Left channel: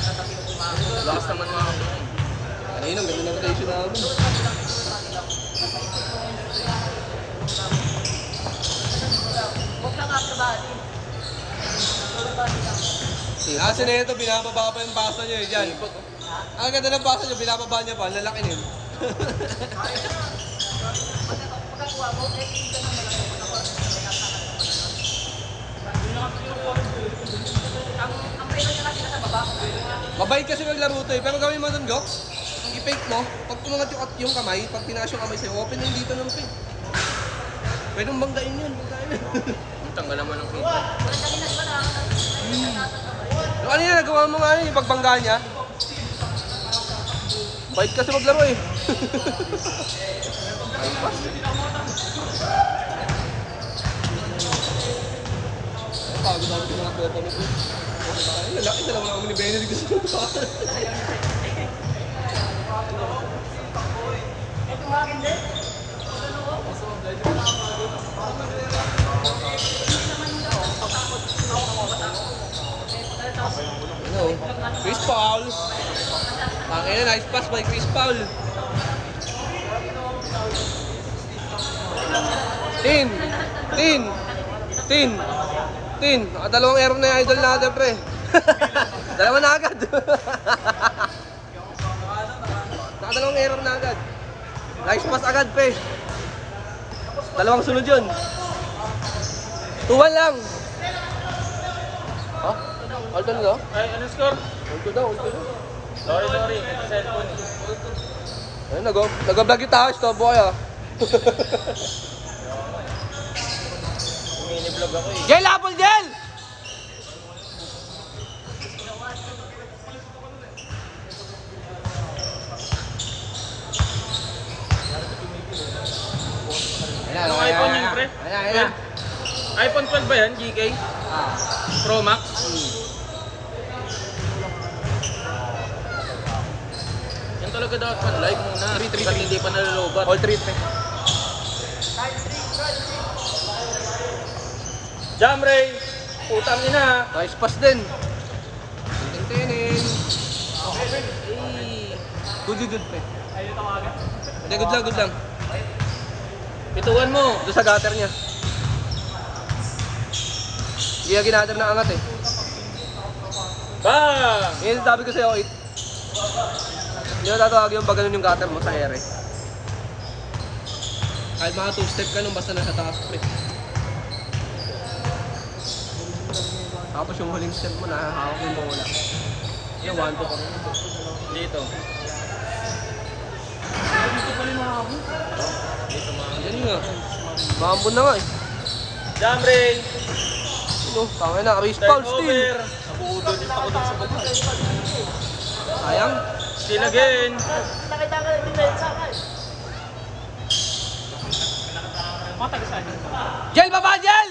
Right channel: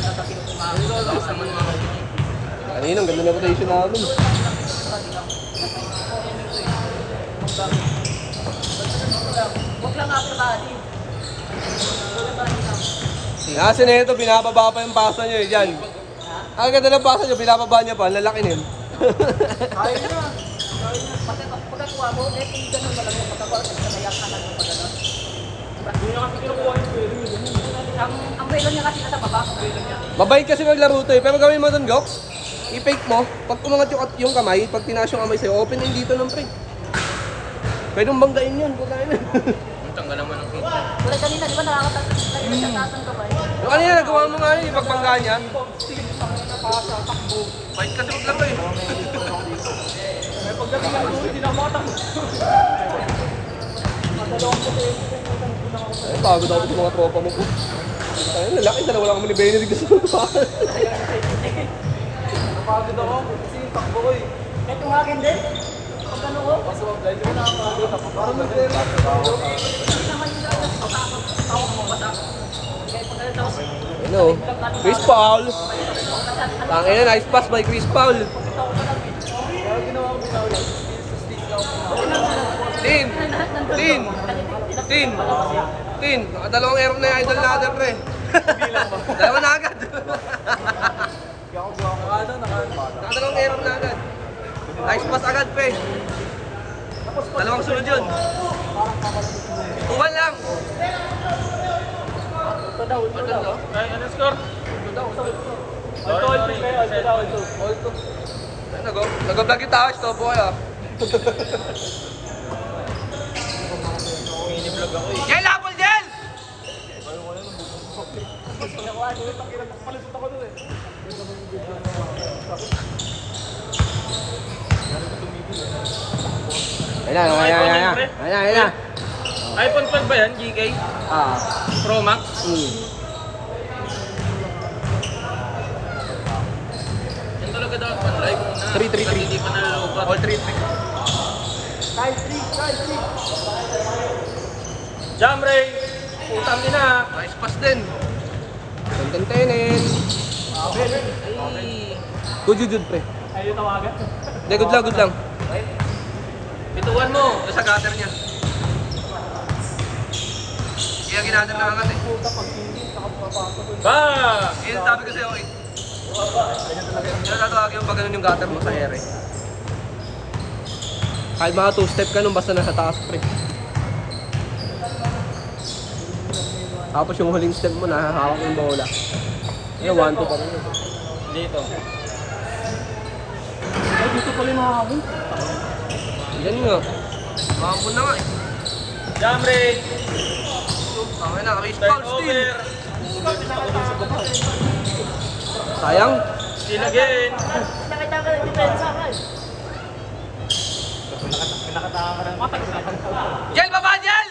Tatapin ko mga. Lakas naman mga. Ayun, ang ganda na rotation namin. Huwag lang upper body. Kasi na ito, binababa pa yung pasa nyo eh. Yan. Ang ganda ng pasa nyo, binababa niya pa. Lalaki nin. Ang buwelo niya kasi nasa baba, ang buwelo niya. Mabait kasi maglaro ito eh. Pero gawin mo doon, Gok. I-fake mo. Pag kumangat yung kamay, pag tinaas yung kamay sa'yo, open din dito ng fake. Pwede mong banggain yun. Banggain yun. Tanggalan mo ng feed. Pero kanina, di ba nakakataas ng kamay? Ano kanina, nagawa mo nga yun, yung pagbangga niya. Bait kasi maglaro eh. Bago daw yung mga tropa mo po. Ayun, lalaki sana wala kami ni Benedict sa tropa. Ano? Chris Paul. Tangina, nice pass by Chris Paul. Tin. Nakadalawang error na yung idol natin, pre. Dalawa na agad. Nakadalawang error na agad. Nice pass agad, pre. Dalawang sunod yun. 2-1 lang. Alto na daw? Ayun, nag-vlog yung tao, stop boy ah. Jel, apple Jel! Anong iPhone yan, pre? iPhone 12 ba yan, GK? Pro Max? Yan talaga dapat man, live muna. 3. Hindi pa nalulubot. All 3. Jam Ray! Kami na! Nice pass din. Contentenin. Good, pre. Ayaw tawagan? Hindi, good lang. Bituan mo! Ito sa gutter niya. Hindi na ginatin na angat eh. Ha! Yan yung sabi ko sa'yo, hindi na tatawag yung pag ganun yung gutter mo sa ere. Kahit mga 2-step ka nun, basta nasa taas, pre. Tapos yung huling step mo, nakahawak yung bola. Yung 1-2 pa. Dito. Dito pala yung makakabun. Ganun nga. Makakabun na nga eh. Jam Ray! Tangin na, race foul still. Ako dun sa baba. Sayang. Still again! Nakita ka ng depensa ka eh. Jel, baba, Jel!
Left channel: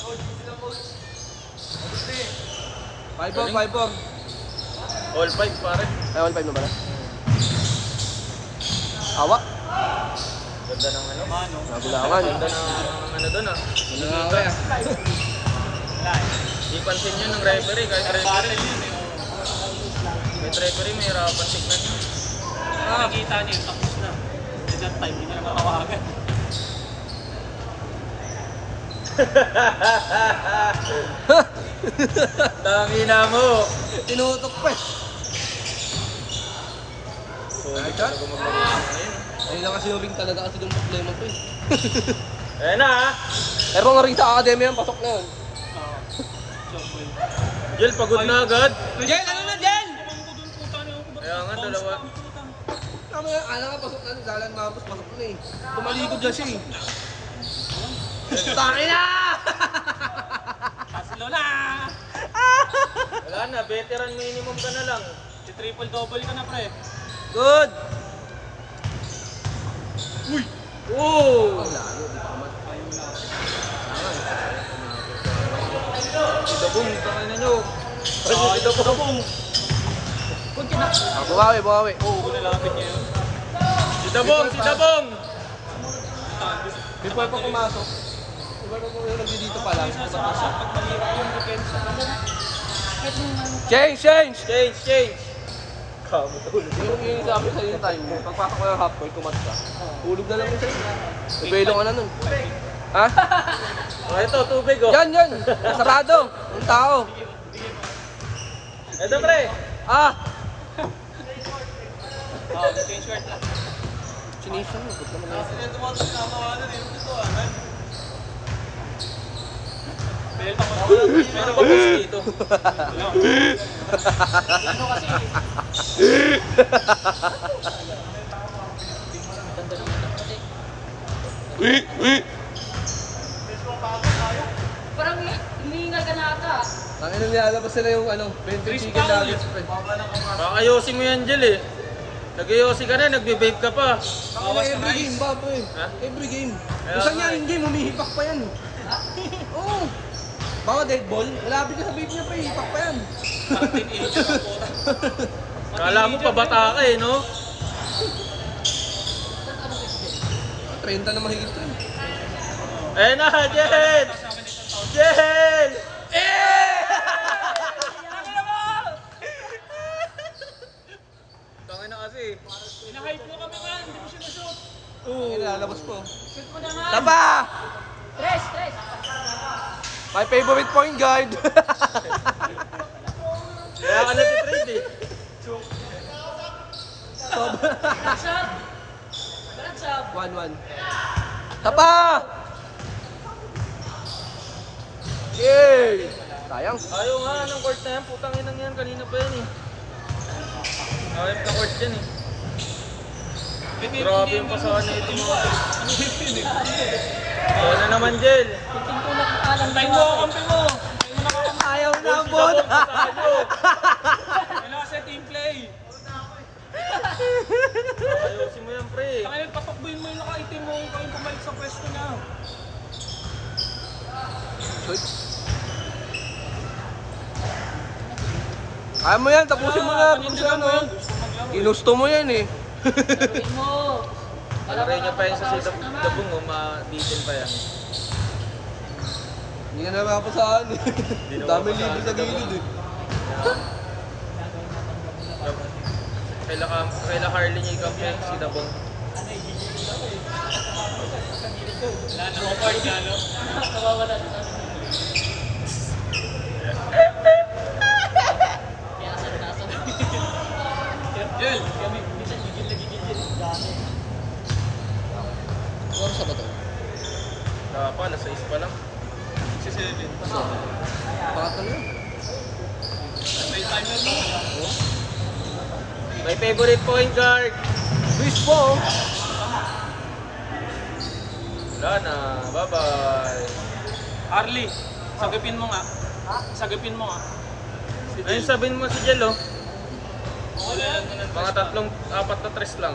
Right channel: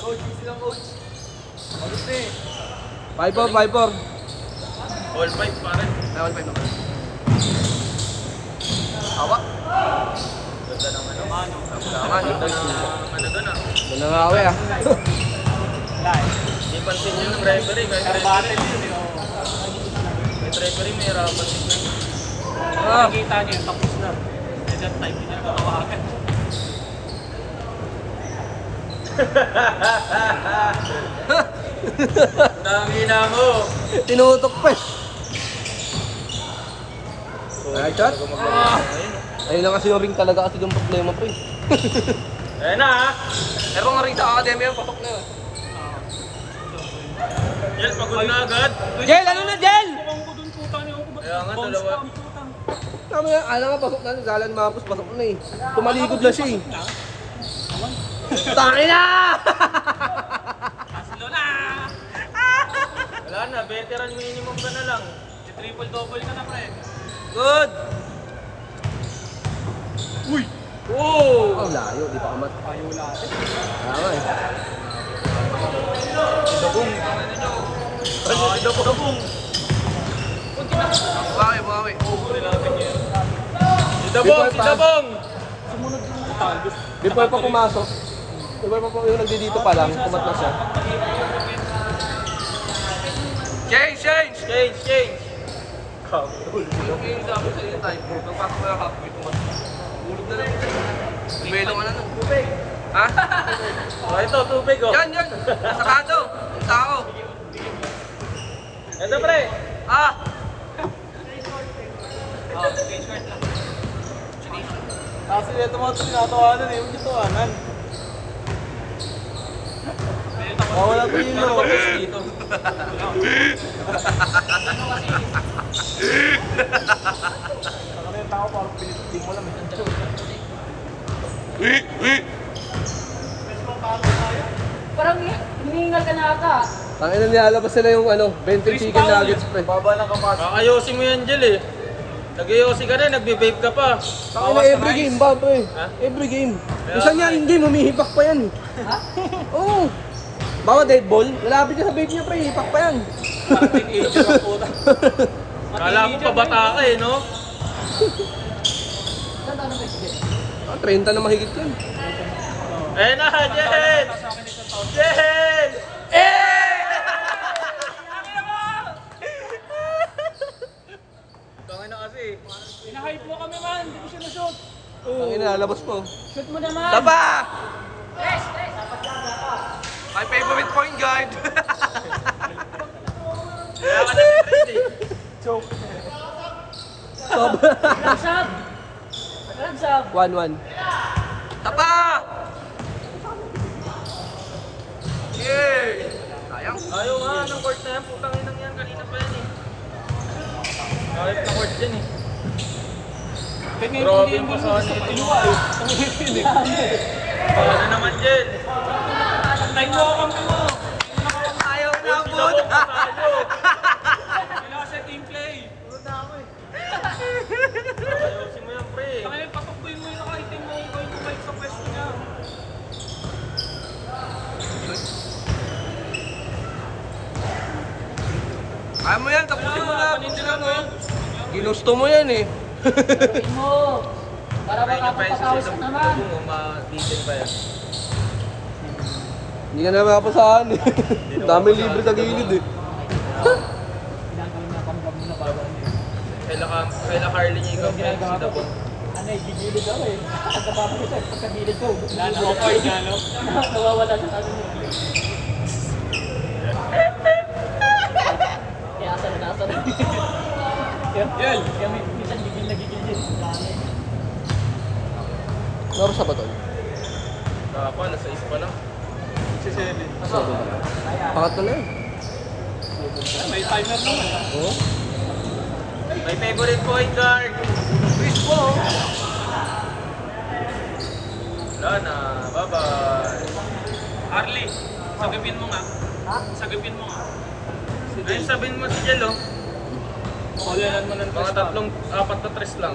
Coach, easy lang coach. August na eh. 5-4. All 5 pa rin. Ay, 1-5 na ba? Tawa. Nanangawi ah. Di pansin nyo ng referee, kahit referee. Kahit referee, may hirapan tignan. Nakikita niya, tapos na. Desert pa, hindi na. Tangina mo! Tinutok pa eh. Solid talaga maglaro na ngayon. Ayun na kasi yung ring talaga kasi yung problema, pre. Ayan na ha! Pero nga ring sa academy yan, pasok na yun. Jel, pagod na agad. Jel, ano na, Jel? Kaya nga, dalawa. Tama yan, alam nga, pasok na. Galan mapos, pasok na eh. Tumalikod na siya eh. Tangin na! Wala na, veteran minimum ka na lang. Triple-double ka na pre. Good! Uy! Oh! Layo, di ba? Si Dabong, tangin nyo. Ay, Dabong. Bumawi. Si Dabong! Di pa pumasok. Kung may yung nagdito pa lang, tumatak siya. Pag mahirap yung weekend. Change! Change. Ito yung sabi sa yung time, pag-back ko yung halfway, tumatak siya. Tulog na lang yung sa'yo. Ubelo ka na nun. Ha? Ito, tubig oh. Yan! Sarado! Ang tao! Ito pre. Ah! Kasi ito mga tinatawanan yung tutuanan. Bawal mo yung nakapos dito. Parang hinihingal ka na ata. Ang ina nilalabas nila yung 20 chicken nuggets. Baba na kapag. Kakayosin mo yan, Jel eh. Nag-ayosi ka na, nagbe-vape ka pa. Every game ba ito eh? Ha? Every game. Kaya Isa nga niya eh. in game, humihipak pa yan. Oo. Baka dead ball, malapit ka sa vape niya pa eh, hipak pa yan. Parang teenager ang puta. Kala mo pabata ka eh, no? 30 na mahigit yan. Eh na, Jel! Jel! Tangin na kasi. Pinahype mo kami man, hindi ko siya na-shoot. Oo. Ang nilalabas mo. Shoot mo naman. Tapa! Tres. My favorite point guard. Wala na si Fred eh. Heads up. Heads up. 1-1. Tapa! Yay! Sayang. Ayaw nga, anong part na yan? Putang inang yan, kanina pa yun eh. Nakahip na court yan eh. Grabe yung pasahan nito mga eh. Wala naman, Jel. Ayaw na po. Sa team play. Kaya kapag mo yung nakaitin mo, ikaw yung pumayag sa pwesto niya. Kaya mo yan, tapusin mo na. Ginusto mo yan eh. Sabi mo. Para Ay, baka pa yung papapawis sa ka naman. tabong o mabitin pa yan. Hindi ka na makapasahan eh. na Dami makapasahan libo sa sa gilid eh. Kaila Carly niya yung kamay, si Dabong. Wala na ako part niya, no? Nawawala ng ano. Kaya sa nasa. Yan. Minsan gigil. Dami. Laro sa ba to? Kaka, alas 6 pa lang. Si Seven. Pangat ko na eh. May timer naman. My favorite point guard. Please po. Wala na, bye-bye. Harley, sagapin mo nga. Ha? Sagapin mo nga. Si Ayun Jel. sabihin mo si Jel oh. Kulilan mo ng Mga tatlong, 4 na tres lang.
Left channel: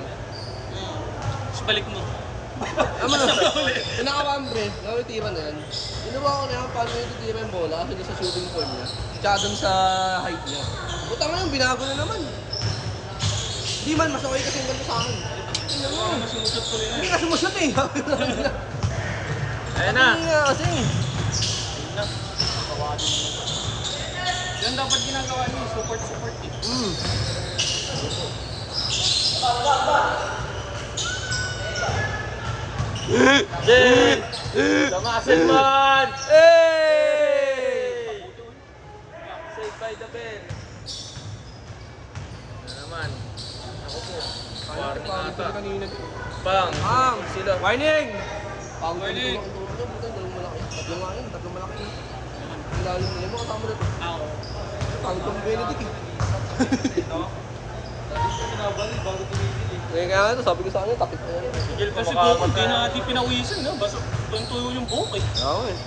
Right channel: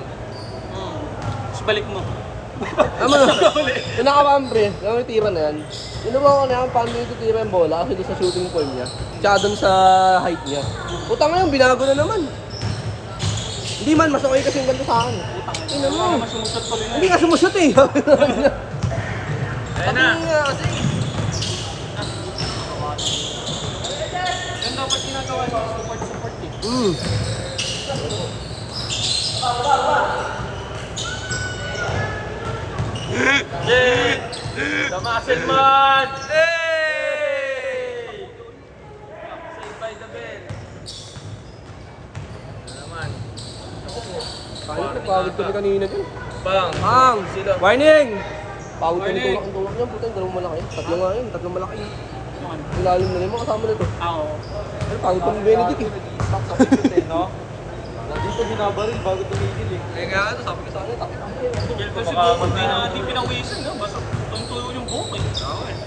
Tapos balik mo. Tama na. Kung nakakambre, kung may tira na yan, ginawa ko na paano yung titira yung bola kasi doon sa shooting form niya. Tsaka doon sa height niya. Utang ngayon, binago na naman. Hindi man, mas okay kasi yung ganito sa akin. Wala naman sumusot pa rin. Hindi ka sumusot eh. Ayun na. Hindi nga kasi. Support eh. Jel! Tamasin one! Hey! Saved by the bell. Ano naman? Ako po. Warning Pagod ko ata. kanina to. Bang! Bang! Sila. Warning! Pagod ko Warning! dito. Yan, puto, dalawang malaki. Tatlo nga yun, tatlong malaki. Ilalim na lima kasama nito. Oo. Pagod ko ng Benedict eh. Dito binabaril bago tumigil eh. Kaya nga ano, sabi ko sa kanya, takip ko. Ito siguro hindi na hindi pinawisan na. Basta yung tuyo yung buhok eh. Oo eh.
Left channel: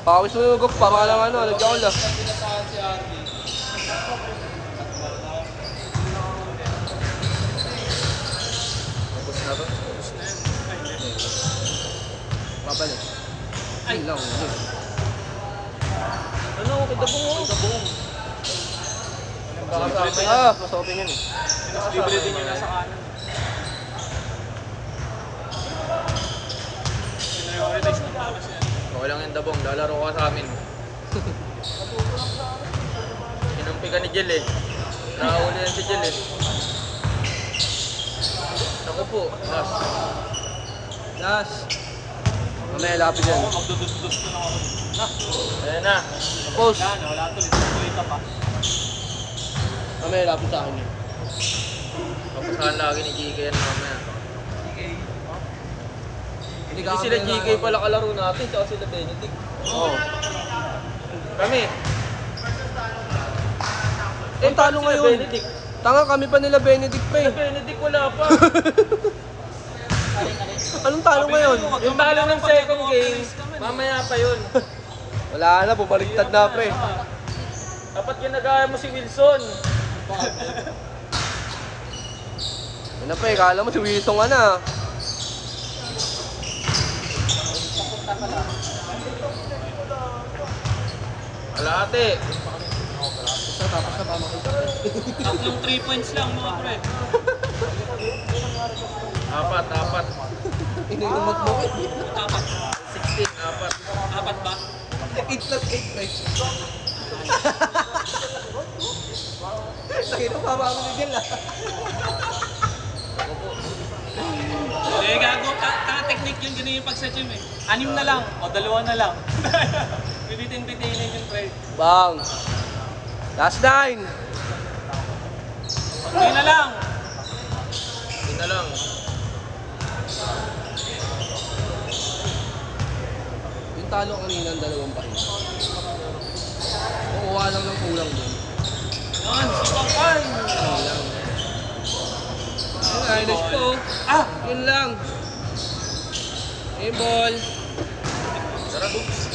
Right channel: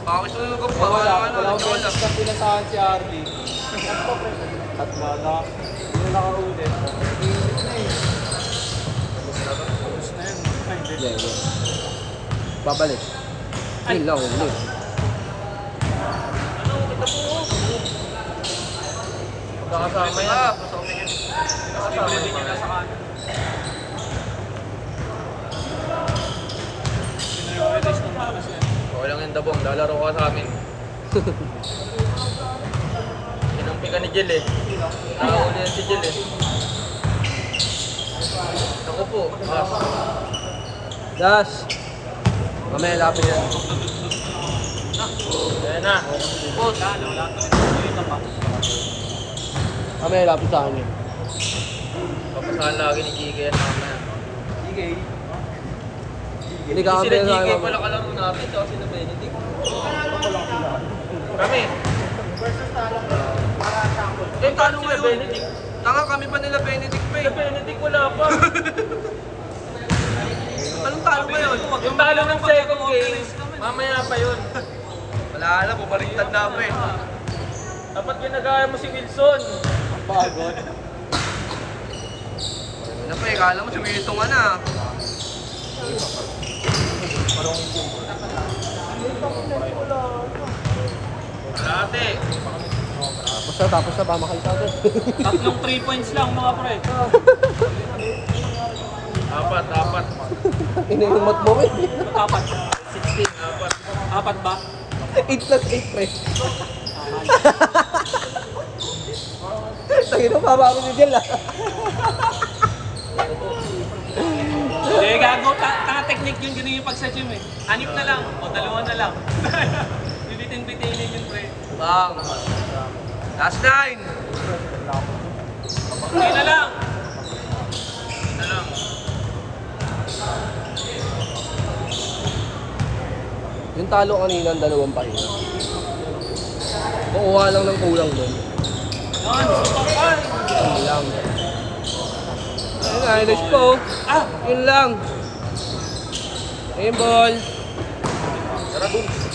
Pawis na yung gup, baka lang ano. Wala na pinasahan si Harley. Tatlo lang. Wala ka huli. Tapos na to. Tapos na yan. Babalik. Ay, lang, wala. Ah, Tapos bibili din nila sa kanya. Okay lang yung dabong, lalaro ka sa amin. Kinampi ka ni Jill eh. Nakahuli yan si Jill eh. Ako po, last. Gas. Mamaya lapit yan. Ayan na. Push. Mamaya lapit sa akin yan. Papasahan lagi ni GK yan mamaya. Hindi Hindi sila GK pala kalaro natin, tsaka sila Benedict. Kami. Ang talo ngayon. Tanga kami pa nila Benedict pa eh. Benedict wala pa. Anong talo ngayon? Yung talo ng second game, mamaya pa yun. Wala na, bumaliktad na pa eh. Dapat ginagaya mo si Wilson. Bagon. Ano pa eh, kala mo si Wilson ka na. Wala ate. Basta tapos na pamakaltado. Tatlong 3 points lang mga pre. Apat. Inilumat mo eh. Apat. 16, apat. Apat ba? 8 plus 8 pre. Nakita mo pa ako ni Jel ah. Eh, gago. Technique yung ganyan pag sa gym eh. 6 na lang. O 2 na lang. Bitin-bitinin yung pre. Bang. Last 9. 3 na lang. Hindi na lang. Yung talo kanina ang 2 pa rin. Kukuha lang ng kulang doon. Ay! Yun lang. Ayun, let's go. Yun lang. Game ball. Tara, Googs.